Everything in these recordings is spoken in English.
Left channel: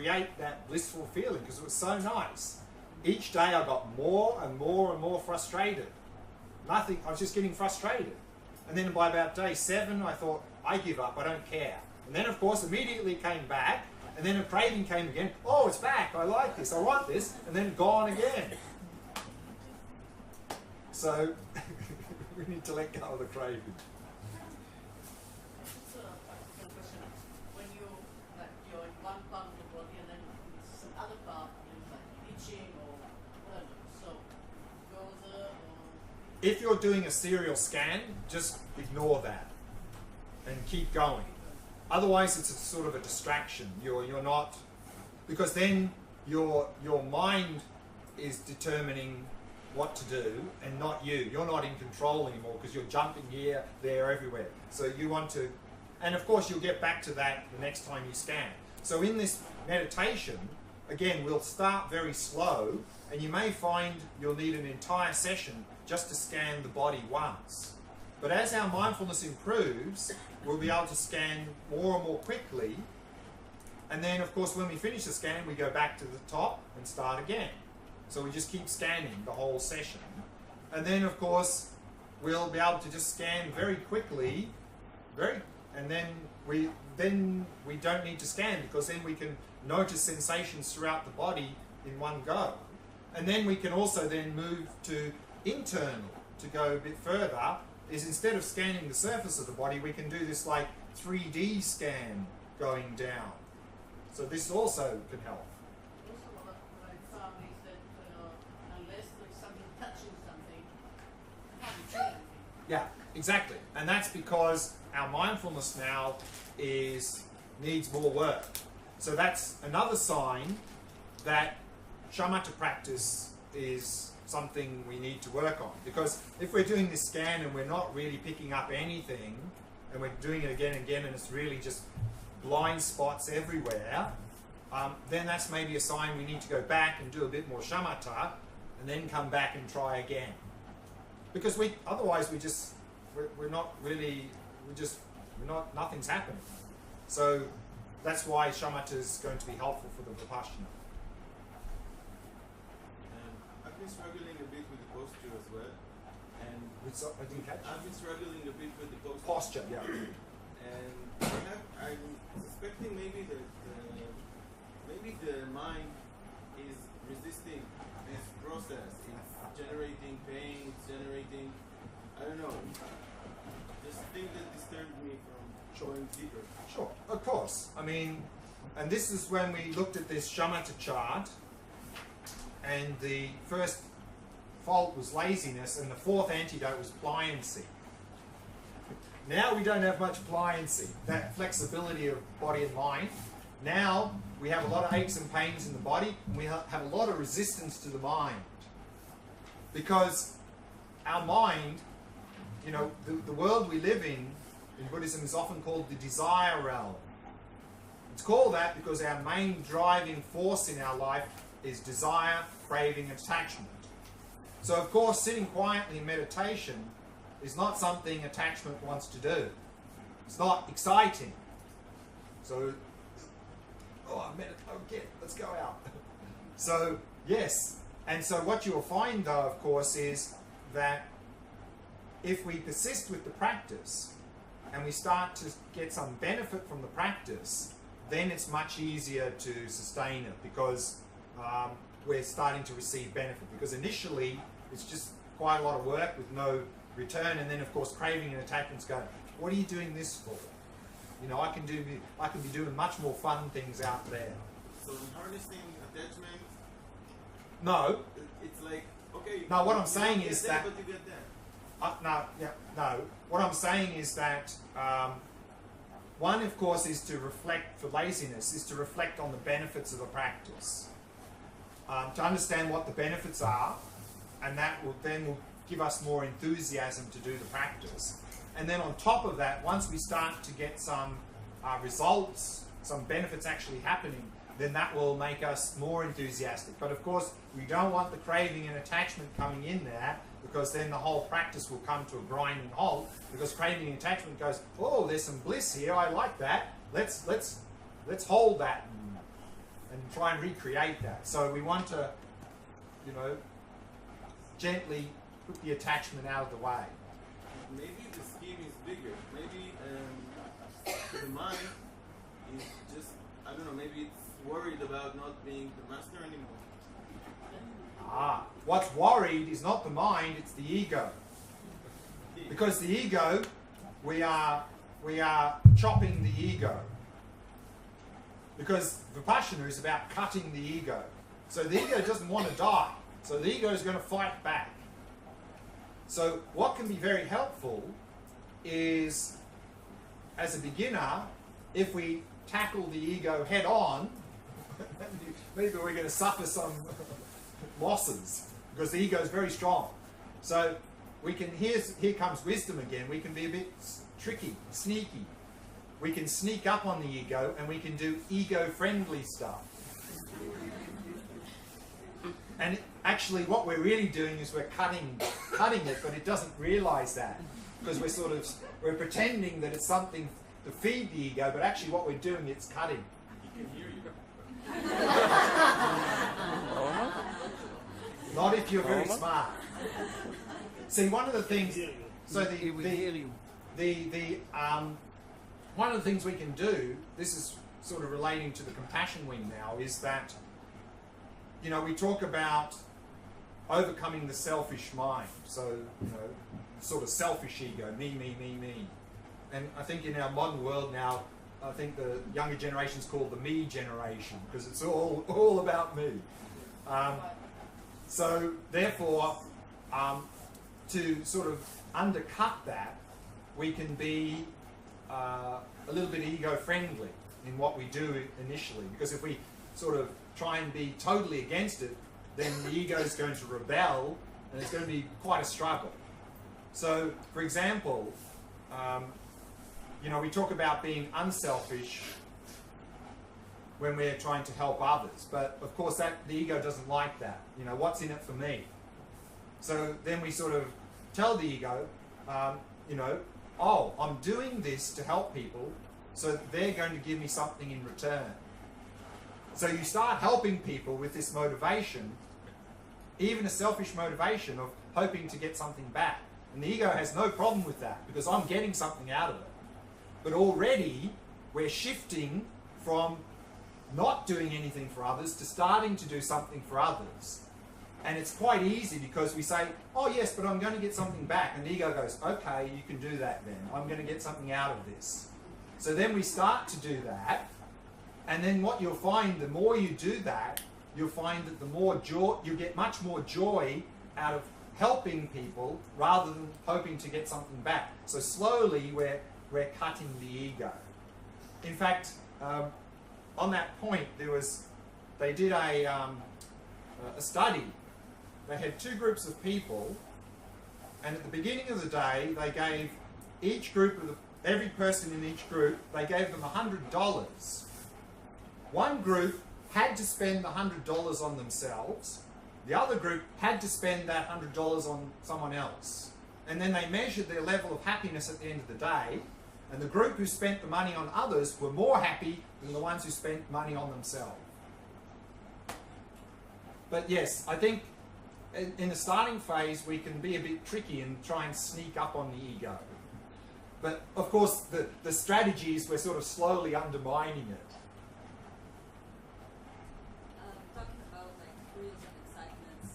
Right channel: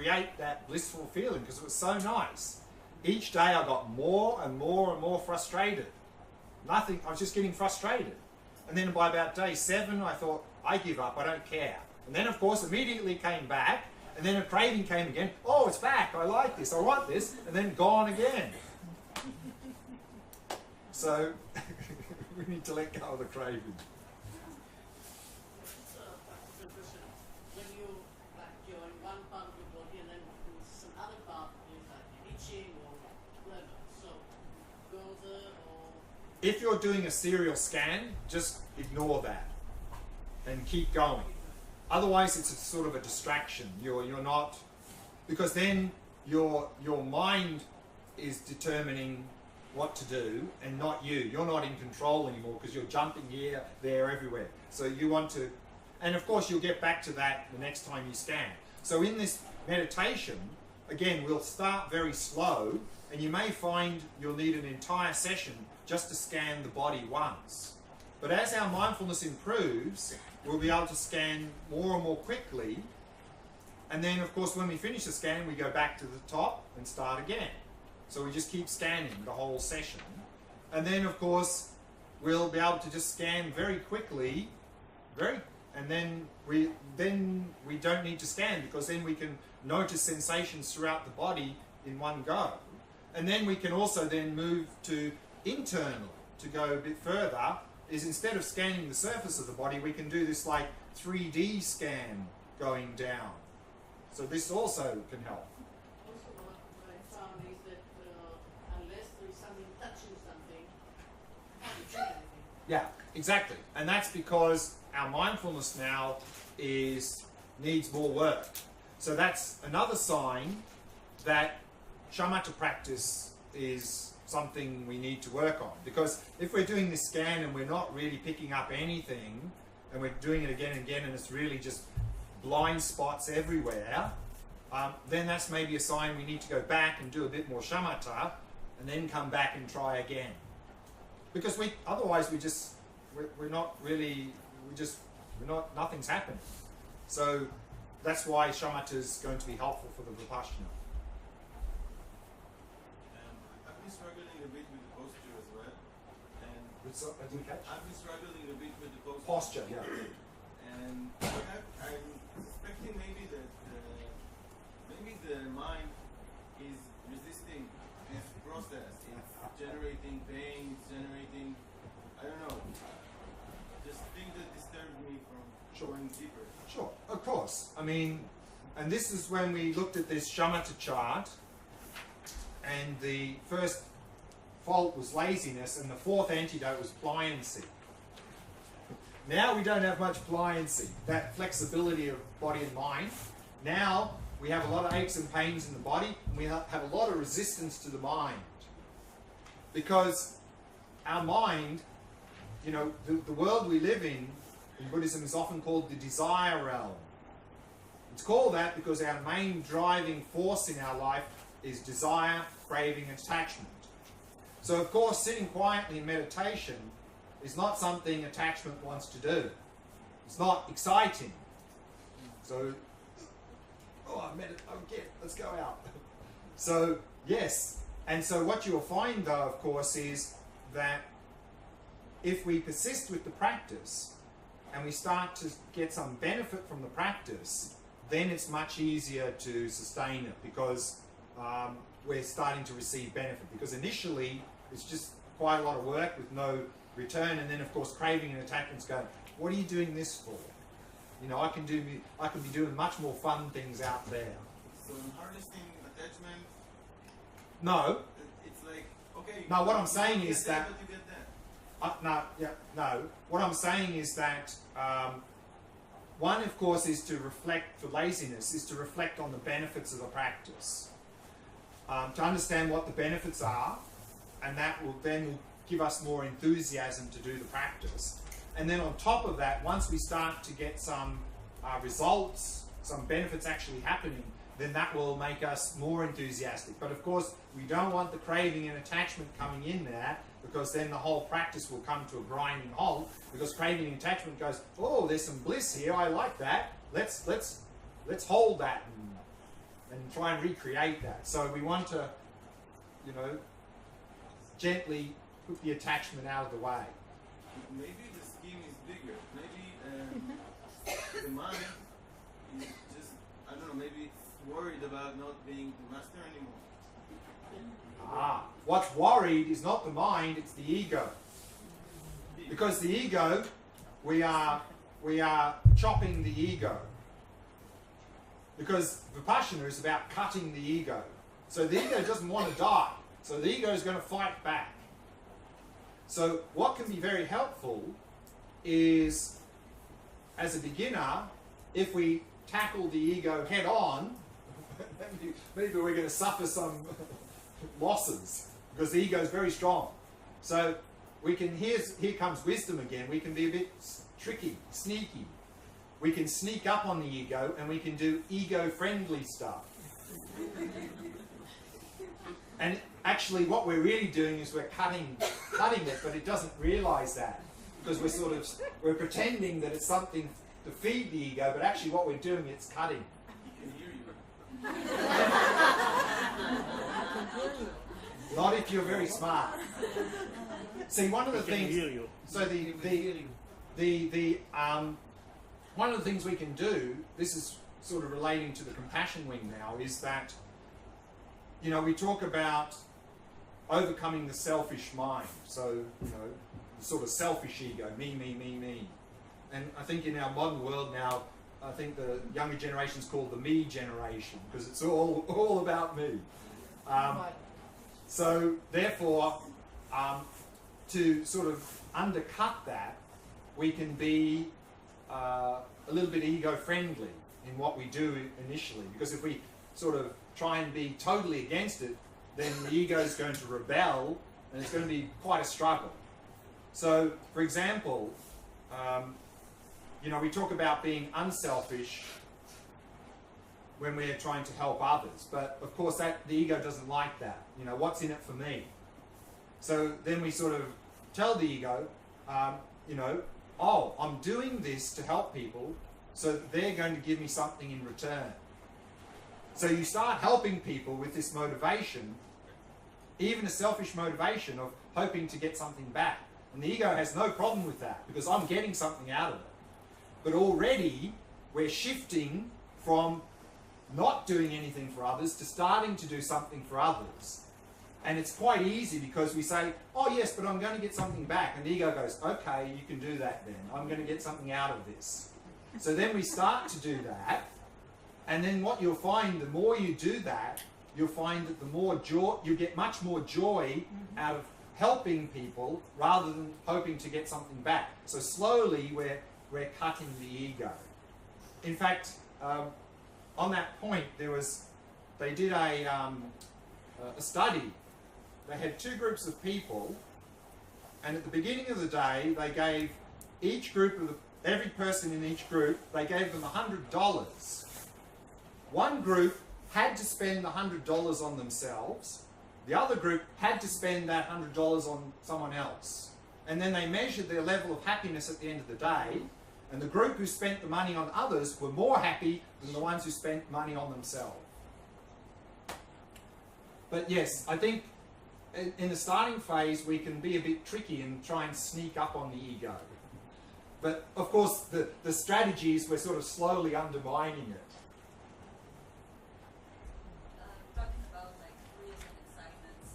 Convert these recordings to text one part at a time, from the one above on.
create that blissful feeling because it was so nice. Each day I got more and more and more frustrated. I was just getting frustrated. And then by about day 7, I thought, I give up, I don't care. And then, of course, immediately came back, and then a craving came again. Oh, it's back, I like this, I want this, and then gone again. So, we need to let go of the craving. When you're in one part of the body and then some other part is like itching or whatever, so further or... If you're doing a serial scan, just ignore that and keep going. Otherwise, it's a sort of a distraction. You're not, because then your mind is determining what to do and not you. You're not in control anymore because you're jumping here, there, everywhere. So you want to, and of course you'll get back to that the next time you scan. So in this meditation, again, we'll start very slow, and you may find you'll need an entire session just to scan the body once. But as our mindfulness improves, we'll be able to scan more and more quickly. And then, of course, when we finish the scan, we go back to the top and start again. So we just keep scanning the whole session. And then, of course, we'll be able to just scan very quickly, and then we don't need to scan, because then we can notice sensations throughout the body in one go. And then we can also then move to internal, to go a bit further, is instead of scanning the surface of the body, we can do this like 3D scan going down. So this also can help. Also what I found is that unless there is something touching something, you can't do anything. Yeah, exactly. And that's because our mindfulness now needs more work. So that's another sign that shamatha practice is something we need to work on. Because if we're doing this scan and we're not really picking up anything, and we're doing it again and again, and it's really just blind spots everywhere, then that's maybe a sign we need to go back and do a bit more shamatha, and then come back and try again. Because otherwise nothing's happening. So that's why shamatha is going to be helpful for the Vipassana. I've been struggling a bit with the posture as well. And I didn't catch. I've been struggling a bit with the Posture, yeah. And I'm suspecting maybe that the mind is resisting this process. It's generating pain, it's generating, I don't know, just things that disturb me from going deeper. Sure, of course. I mean, and this is when we looked at this shamatha chart, and the first fault was laziness, and the fourth antidote was pliancy. Now we don't have much pliancy, that flexibility of body and mind. Now we have a lot of aches and pains in the body, and we have a lot of resistance to the mind. Because our mind, you know, the world we live in Buddhism is often called the desire realm. It's called that because our main driving force in our life is desire, craving, and attachment. So of course, sitting quietly in meditation is not something attachment wants to do. It's not exciting. So, let's go out. So, yes. And so what you'll find though, of course, is that if we persist with the practice and we start to get some benefit from the practice, then it's much easier to sustain it, because we're starting to receive benefit. Because initially, it's just quite a lot of work with no return, and then of course craving and attachments go, what are you doing this for? You know, I can be doing much more fun things out there. So in harnessing attachment, no. It's like, okay. No, what I'm saying is that. But you get that. No. What I'm saying is that one, of course, is to reflect, for laziness, is to reflect on the benefits of the practice. To understand what the benefits are, and that will give us more enthusiasm to do the practice. And then on top of that, once we start to get some results, some benefits actually happening, then that will make us more enthusiastic. But of course, we don't want the craving and attachment coming in there, because then the whole practice will come to a grinding halt, because craving and attachment goes, oh, there's some bliss here, I like that, let's hold that try and recreate that. So we want to, you know, gently put the attachment out of the way. Maybe the scheme is bigger. Maybe the mind is just, I don't know, maybe it's worried about not being the master anymore. What's worried is not the mind, it's the ego. Because the ego, we are chopping the ego. Because Vipassana is about cutting the ego. So the ego doesn't want to die. So the ego is going to fight back. So what can be very helpful is, as a beginner, if we tackle the ego head on, maybe we're going to suffer some losses because the ego is very strong. So we can, here comes wisdom again, we can be a bit tricky, sneaky. We can sneak up on the ego and we can do ego-friendly stuff. And actually what we're really doing is we're cutting it, but it doesn't realize that. Because we're pretending that it's something to feed the ego, but actually what we're doing, it's cutting. Not if you're very smart. See, one of the things, so one of the things we can do, this is sort of relating to the compassion wing now, is that, you know, we talk about overcoming the selfish mind. So, you know, sort of selfish ego, me, me, me, me. And I think in our modern world now, I think the younger generation's called the me generation, because it's all about me. So therefore, to sort of undercut that, we can be a little bit ego-friendly in what we do initially. Because if we sort of try and be totally against it, then the ego is going to rebel, and it's going to be quite a struggle. So, for example, you know, we talk about being unselfish when we're trying to help others, but of course the ego doesn't like that. You know, what's in it for me? So then we sort of tell the ego, you know, oh, I'm doing this to help people, so they're going to give me something in return. So you start helping people with this motivation, even a selfish motivation of hoping to get something back. And the ego has no problem with that, because I'm getting something out of it. But already we're shifting from not doing anything for others to starting to do something for others. And it's quite easy because we say, oh yes, but I'm going to get something back. And the ego goes, okay, you can do that then. I'm going to get something out of this. So then we start to do that. And then what you'll find, the more you do that, you'll find that the more joy, you get much more joy out of helping people rather than hoping to get something back. So slowly we're cutting the ego. In fact, on that point, they did a study. They had two groups of people, and at the beginning of the day, they gave each group every person in each group, they gave them $100. One group had to spend the $100 on themselves. The other group had to spend that $100 on someone else. And then they measured their level of happiness at the end of the day, and the group who spent the money on others were more happy than the ones who spent money on themselves. But yes, I think in the starting phase we can be a bit tricky and try and sneak up on the ego. But of course the strategy is we're sort of slowly undermining it. Talking about like thrills and excitements,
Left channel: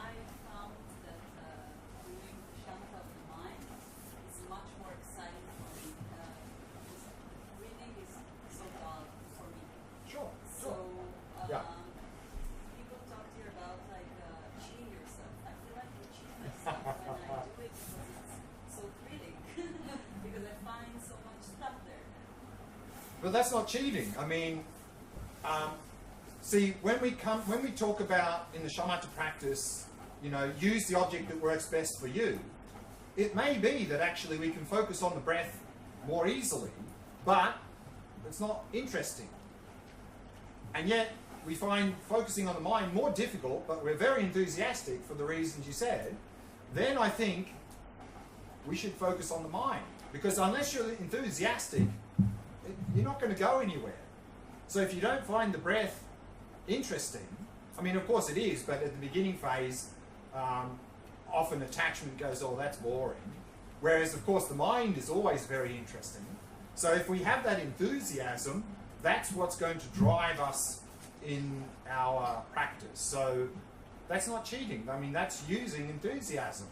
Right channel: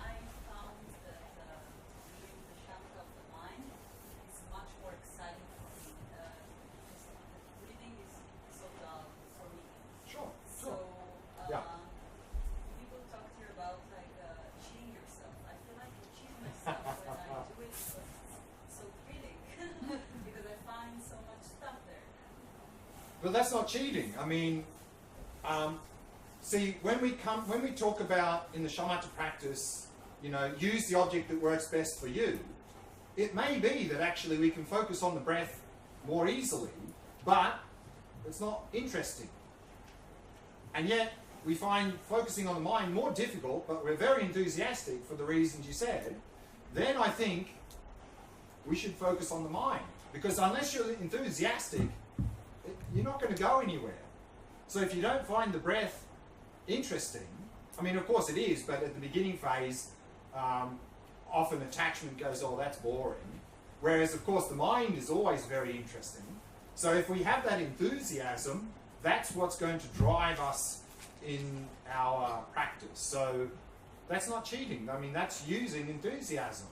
I found that reading the shamatha of the mind is much more exciting for me. Reading is so dull for me. Sure. So Yeah. people talk here about like cheating yourself. I feel like I cheat myself when I do it because it's so thrilling. Because I find so much stuff there. But that's not cheating. I mean, see, when we talk about in the shamatha practice, you know, use the object that works best for you, it may be that actually we can focus on the breath more easily, but it's not interesting. And yet, we find focusing on the mind more difficult, but we're very enthusiastic for the reasons you said. Then I think we should focus on the mind. Because unless you're enthusiastic, you're not going to go anywhere. So if you don't find the breath interesting. I mean, of course it is, but at the beginning phase, often attachment goes, oh, that's boring. Whereas, of course, the mind is always very interesting. So if we have that enthusiasm, that's what's going to drive us in our practice. So that's not cheating. I mean, that's using enthusiasm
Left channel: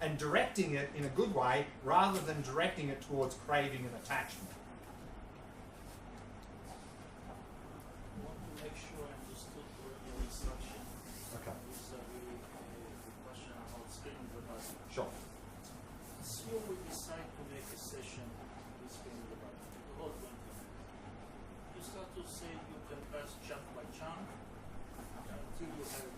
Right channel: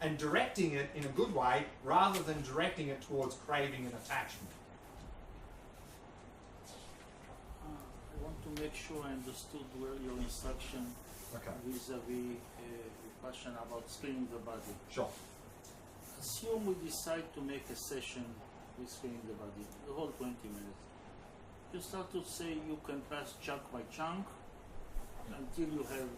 and directing it in a good way rather than directing it towards craving and attachment. I want to make sure I understood where your instruction vis-a-vis question about screening the body. Sure. Assume we decide to make a session with screening the body, the whole 20 minutes. You start to say you can pass chunk by chunk until you have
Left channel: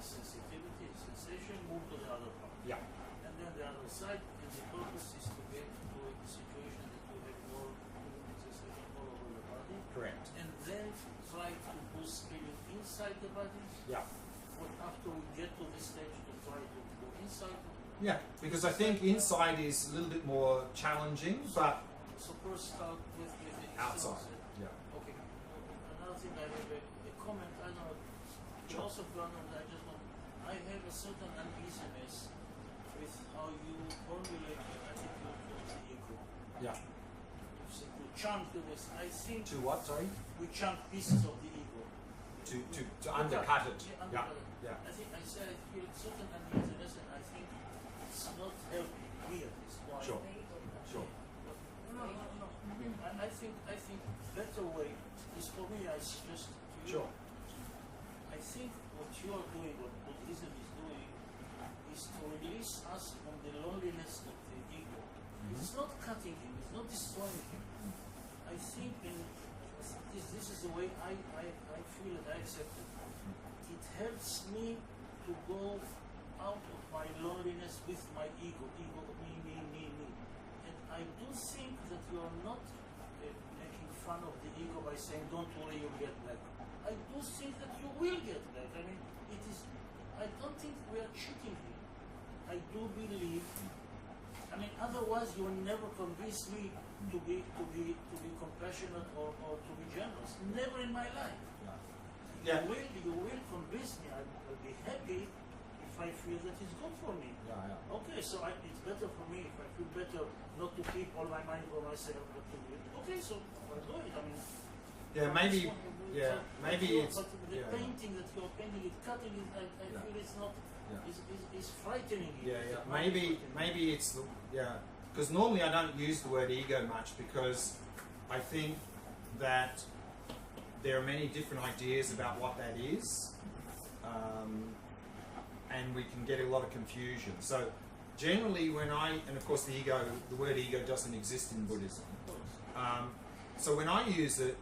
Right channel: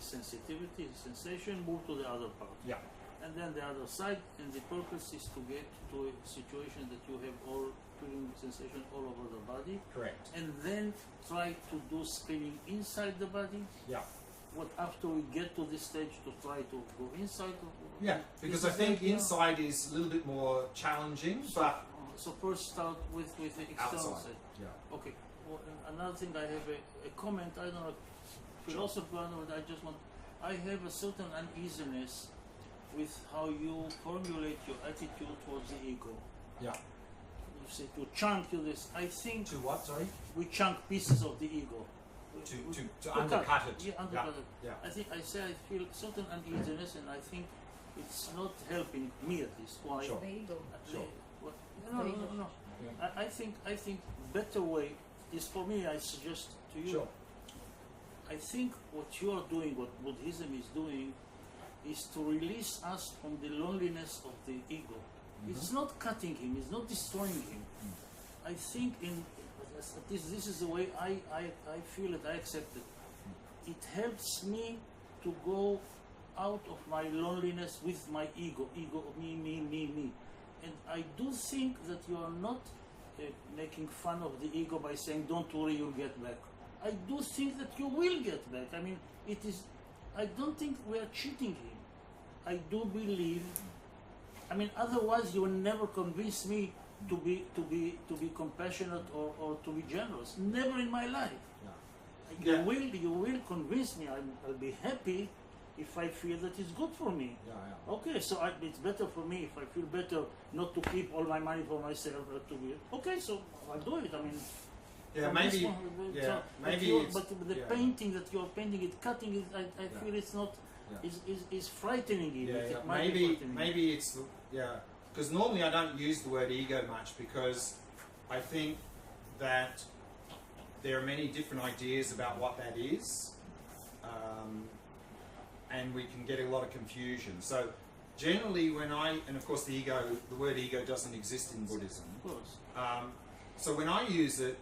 sensitivity, sensation, move to the other part. Yeah. And then the other side, and the purpose is to get to a situation that you have all feeling sensation all over the body. Correct. And then try to do screening inside the body. Yeah. What after we get to this stage to try to go inside? Yeah, because I think inside is a little bit more challenging, but So first start with the external outside. side. Yeah. Okay. Well, another thing, I have a comment. I don't know, philosopher, and I have a certain uneasiness with how you formulate your attitude towards the ego. Yeah. You say to chunk to this. I think To what, sorry? we chunk pieces of the ego. To undercut it. Yeah, undercut it. Yeah. I feel certain uneasiness, and I think it's not helping me at least. Why? Sure. Sure. No. I think better way is for me. I suggest to you. Sure. I think what you are doing, what Buddhism is doing, is to release us from the loneliness of the ego. It's not cutting him. It's not destroying him. I think this is the way I feel it. I accept it. It helps me to go out of my loneliness with my ego, me. And I do think that you are not making fun of the ego by saying, don't worry, you'll get back. I do think that you will get back. I mean, I don't think we are cheating him. I do believe, I mean, otherwise you will never convince me to be compassionate or to be generous. Never in my life. Yeah. You will convince me. I'll be happy if I feel that it's good for me. Yeah. Okay, so it's better for me if I feel better not to keep all my money for myself. Okay, so I'll do it. I mean, Yeah, maybe it's. But the painting that you're painting, it cutting it. I feel it's not. Is frightening you. Maybe it's because normally I don't use the word ego much because I think that there are many different ideas about what that is, and we can get a lot of confusion. So generally and of course the word ego doesn't exist in Buddhism. Of course. So when I use it,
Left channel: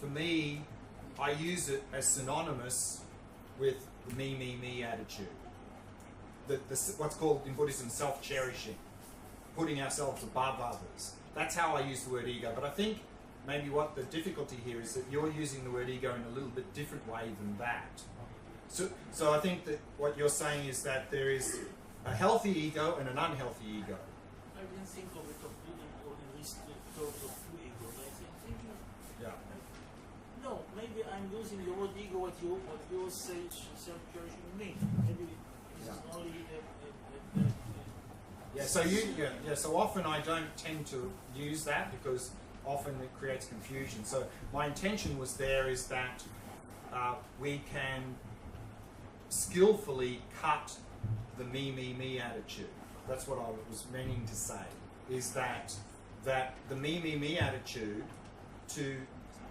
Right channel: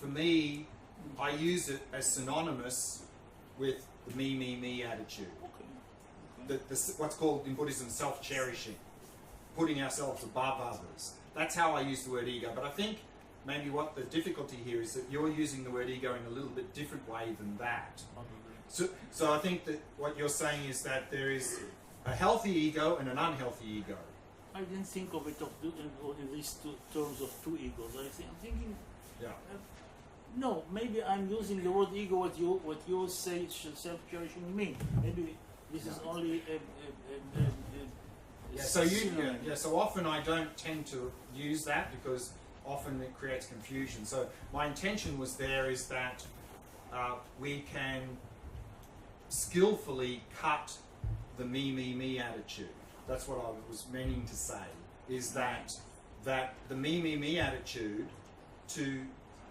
for me, I use it as synonymous with the me attitude. What's called in Buddhism self-cherishing, putting ourselves above others. That's how I use the word ego. But I think maybe what the difficulty here is that you're using the word ego in a little bit different way than that. So I think that what you're saying is that there is a healthy ego and an unhealthy ego. I didn't think of it in these terms of two egos. I'm thinking. Yeah. No, maybe I'm using the word ego. What you say self-cherishing mean. Maybe this is only So often I don't tend to use that because often it creates confusion. So my intention was there is that we can skillfully cut the me attitude. That's what I was meaning to say. Is that the me attitude, to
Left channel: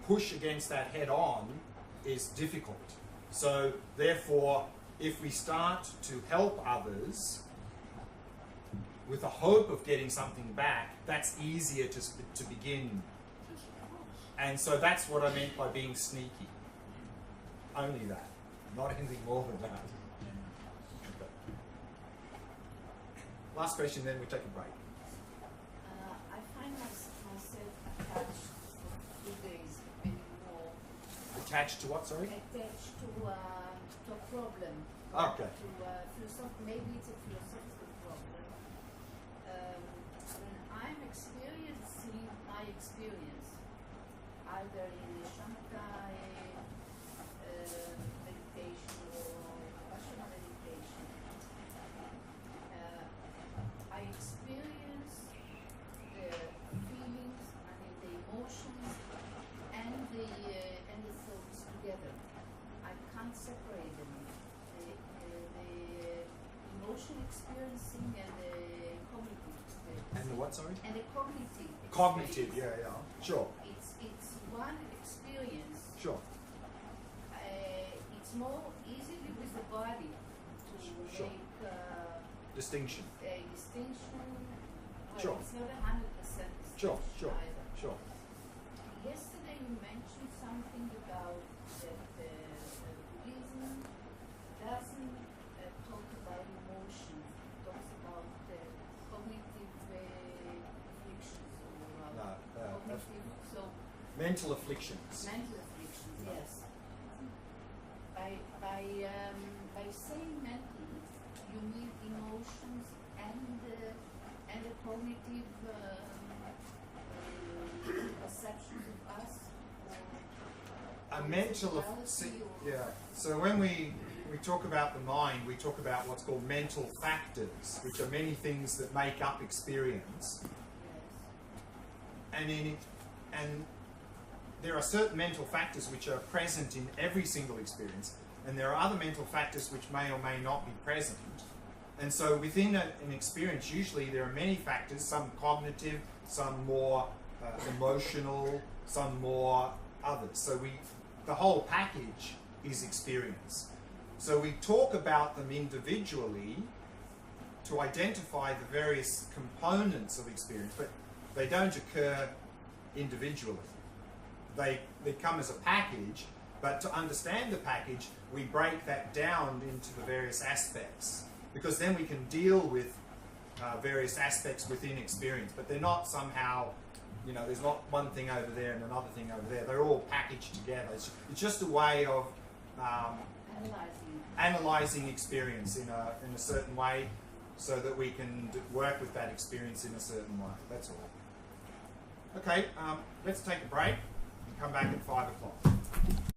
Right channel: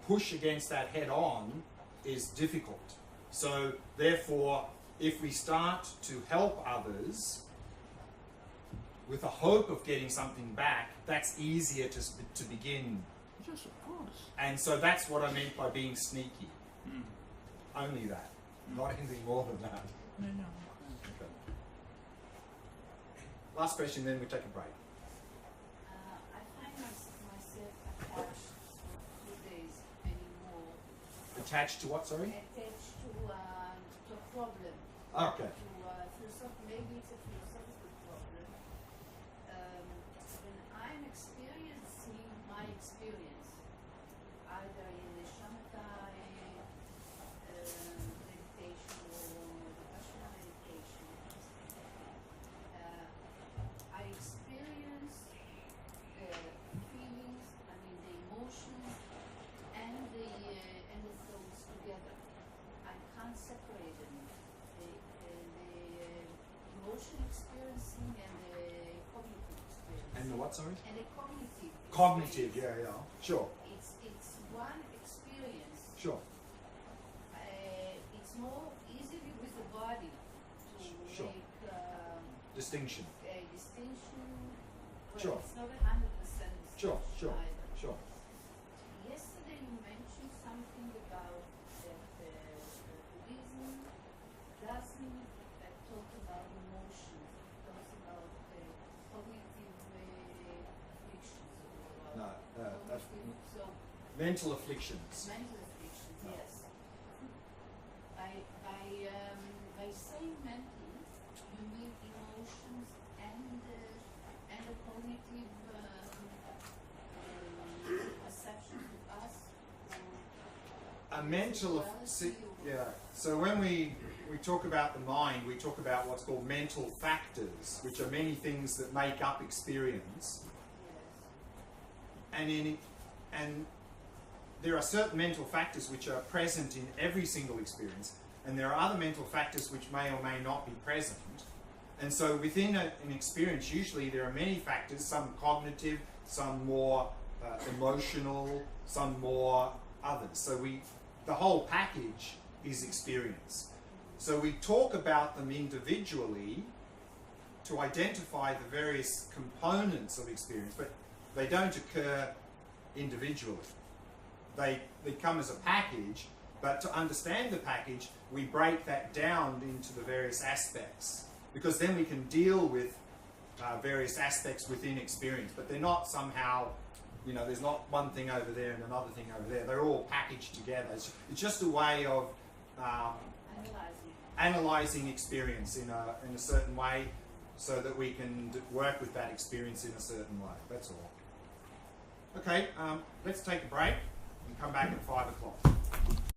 push against that head on is difficult. So therefore, if we start to help others with the hope of getting something back, that's easier to begin. Yes, of course. And so that's what I meant by being sneaky. Only that, not anything more than that. Okay. Last question, then we take a break. I find myself attached for 2 days anymore. Attached to what, sorry? Attached to a problem. Okay. Maybe it's a philosophical problem. When I'm experiencing my experience, either in a shamatha what, sorry? And a cognitive. Cognitive, experience. yeah. Sure, It's one experience. sure. It's more easily with the body to Sure. make Distinction. a distinction. Well, Sure. it's not 100% Sure, distinction sure, either. sure. Yesterday you mentioned something about that Buddhism doesn't talk about emotions. It talks about cognitive afflictions or No, cognitive, so mental afflictions. mental afflictions, No. yes. By saying mental, you mean emotions and the cognitive perceptions of us? A mental, yeah. So when we talk about the mind, we talk about what's called mental factors, which are many things that make up experience. Yes. And there are certain mental factors which are present in every single experience, and there are other mental factors which may or may not be present. And so within an experience, usually there are many factors, some cognitive, some more emotional, some more others. So the whole package is experience. So we talk about them individually to identify the various components of experience, but they don't occur individually. They come as a package, but to understand the package, we break that down into the various aspects, because then we can deal with various aspects within experience, but they're not somehow, there's not one thing over there and another thing over there. They're all packaged together. It's just a way of analyzing experience in a certain way, so that we can work with that experience in a certain way. That's all. Okay, let's take a break and come back at 5 o'clock.